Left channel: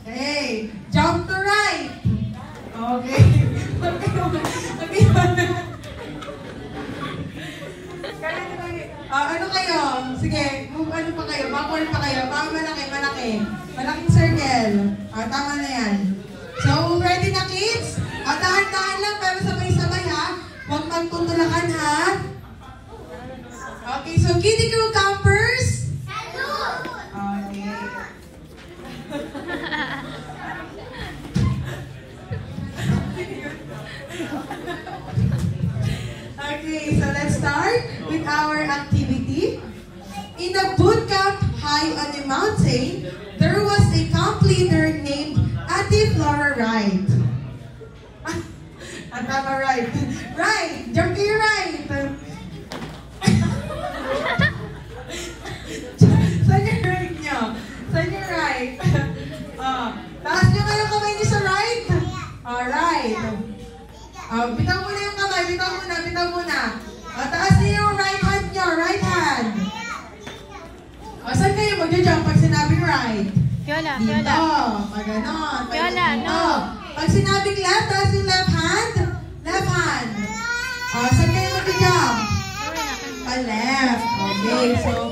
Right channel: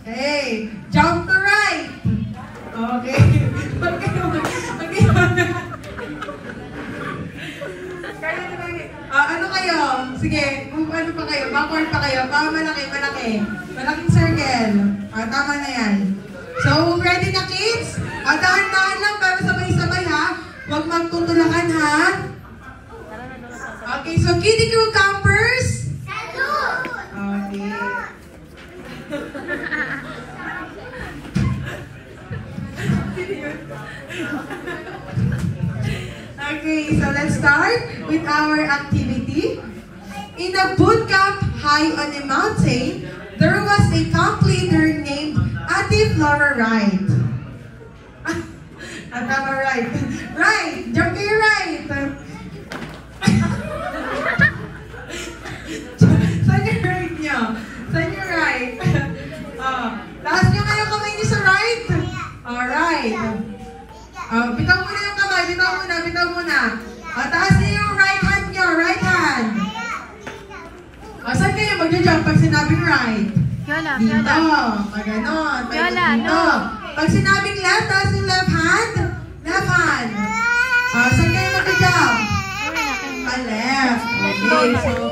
Okay. Jump to right. Okay. Okay. Ano kayo? Sige, ano pa kayo? Backward pa kayo? Baka malaki. Malaking circle. Tama na yan. So, ready na kids? Dahan-dahan lang para sabay-sabay ha. Huwag magtutulakan ha. Okay, so Kiddie Crew Campers. Okay. Okay, so let's start with our activity. In the boot camp high on a mountain, there was a camp leader named Ate Flora Wright. Tama, right. Right! Jump to your right! Saan yung right nyo? Saan yung right? Taas nyo kayo kamay nyo sa right? Alright. Bitaw muna yung kamay. Bitaw muna. Taas nyo yung right hand nyo. Right hand. Saan kayo mag-jump pag sinabing right? Fiona. Dito. Pag ganon. Fiona, no. Pag sinabing left, taas yung left hand. Left hand. Saan kayo mag-jump? Left. Okay, so